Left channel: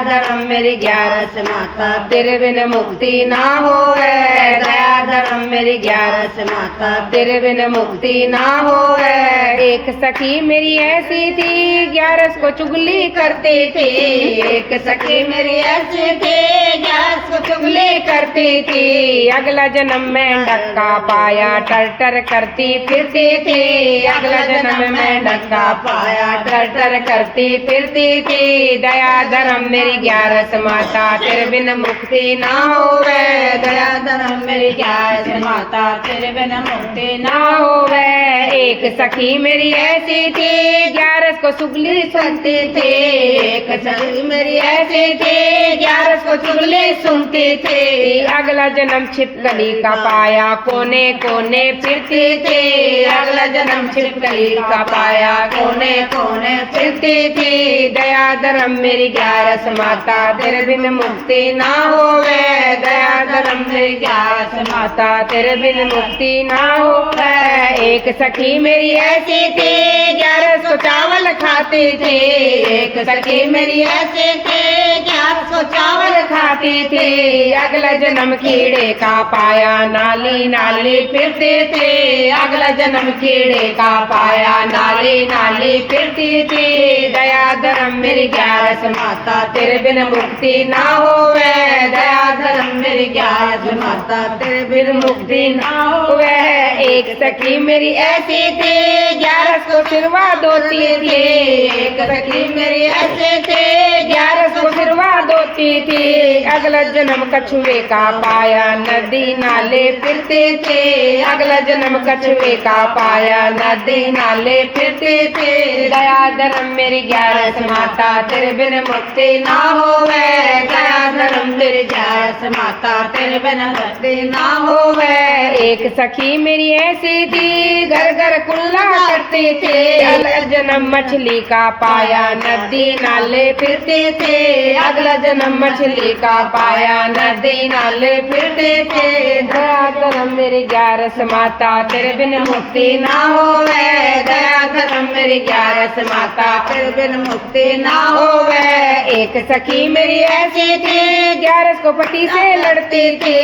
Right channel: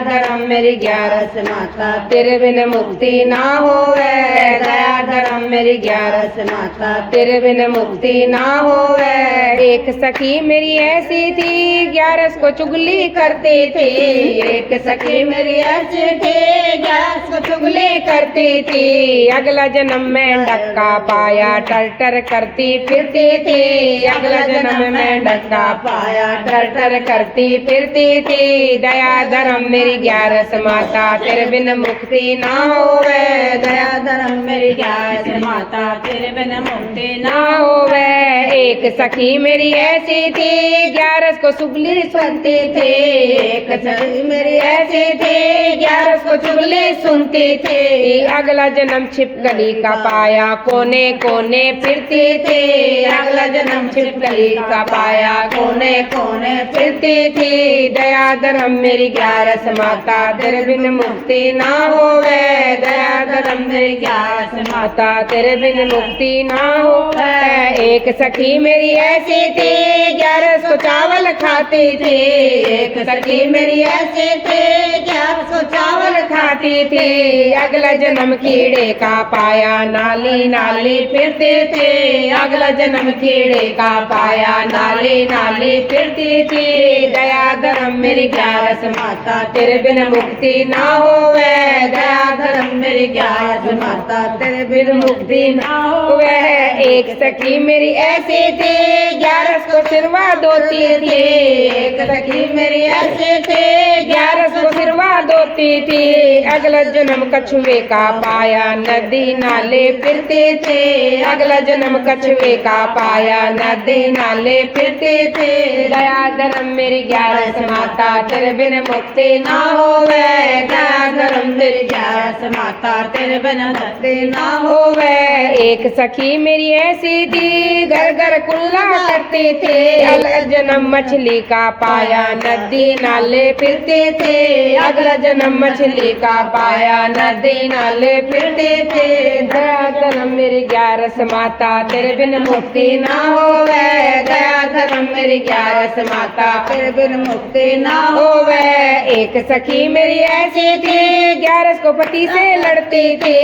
धर्म मेरी ग्यारस माता, तेरे बिन मुक्ति ना होवे। दया धर्म मेरी ग्यारस माता, तेरे बिन मुक्ति ना होवे। एक सखी मेरी ऐसी थी, ग्यारस को चुगली करते थे। एक सखी मेरी ऐसी थी, ग्यारस को चुगली करती थी। अगला जन्म में डक्का पाया, टर टर करती फिरती थी। अगला जन्म में डक्का पाया, टर टर करती फिरती थी। दया धर्म मेरी ग्यारस माता, तेरे बिन मुक्ति ना होवे। दया धर्म मेरी ग्यारस माता, तेरे बिन मुक्ति ना होवे। एक सखी मेरी ऐसी थी, ग्यारस को चुगली सुनते थे। एक सखी मेरी ऐसी थी, ग्यारस को चुगली सुनते थे। अगला जन्म छिपकली का पाया, कोने कोने फिरते थे। अगला जन्म छिपकली का पाया, कोने कोने फिरते थे। दया धर्म मेरी ग्यारस माता, तेरे बिन मुक्ति ना होवे। दया धर्म मेरी ग्यारस माता, तेरे बिन मुक्ति ना होवे। एक सखी मेरी ऐसी थी, ग्यारस को चावल खाते थे। एक सखी मेरी ऐसी थी, ग्यारस को चावल खाते थे। अगला जन्म कीड़े का पाया, नाली नाली फिरते थे। अगला जन्म कीड़े का पाया, नाली नाली फिरते थे। दया धर्म मेरी ग्यारस माता, तेरे बिन मुक्ति ना होवे। दया धर्म मेरी ग्यारस माता, तेरे बिन मुक्ति ना होवे। एक सखी मेरी ऐसी थी, ग्यारस को सिरवा धोती थी। एक सखी मेरी ऐसी थी, ग्यारस को सिरवा धोती थी। अगला जन्म कछुए का पाया, नदी नाले फिरते थे। अगला जन्म कछुए का पाया, नदी नाले फिरते थे। दया धर्म मेरी ग्यारस माता, तेरे बिन मुक्ति ना होवे। दया धर्म मेरी ग्यारस माता, तेरे बिन मुक्ति ना होवे। एक सखी मेरी ऐसी थी, घर घर कुल्ला करते थे। अगला जन्म मछली का पाया, नदी नाले फिरते थे। अगला जन्म मछली का पाया, नदी नाले फिरते थे। दया धर्म मेरी ग्यारस माता, तेरे बिन मुक्ति ना होवे। दया धर्म मेरी ग्यारस माता, तेरे बिन मुक्ति ना होवे। एक सखी मेरी ऐसी थी, ग्यारस को पति से लड़ते थे।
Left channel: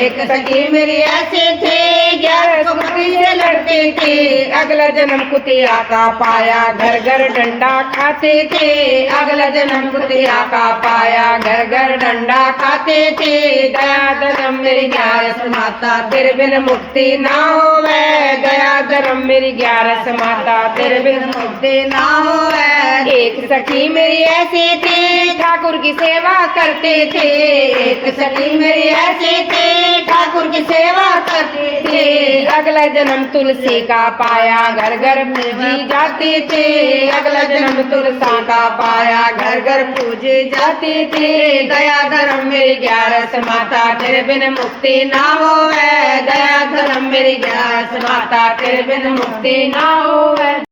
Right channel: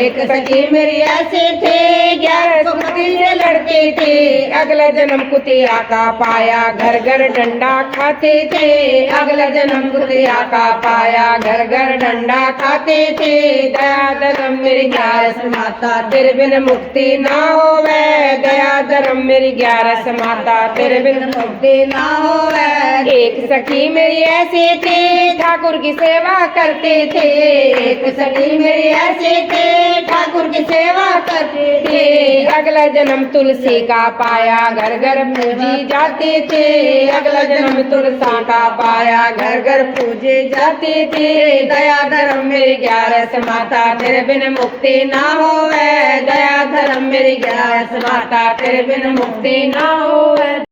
एक सखी मेरी ऐसी थी, ग्यारस को पति से लड़ते थे। अगला जन्म कुतिया का पाया, घर घर डंडा खाते थे। अगला जन्म कुतिया का पाया, घर घर डंडा खाते थे। दया धर्म मेरी ग्यारस माता, तेरे बिन मुक्ति ना होवे। दया धर्म मेरी ग्यारस माता, तेरे बिन मुक्ति ना होवे। एक सखी मेरी ऐसी थी, ठाकुर की सेवा करते थे। एक सखी मेरी ऐसी थी, ठाकुर की सेवा करते थे। अगला जन्म तुलसी का पाया, घर घर पूजी जाते थे। अगला जन्म तुलसी का पाया, घर घर पूजे जाते थे। दया धर्म मेरी ग्यारस माता, तेरे बिन मुक्ति ना होवे। दया धर्म मेरी ग्यारस माता, तेरे बिन मुक्ति ना होवे।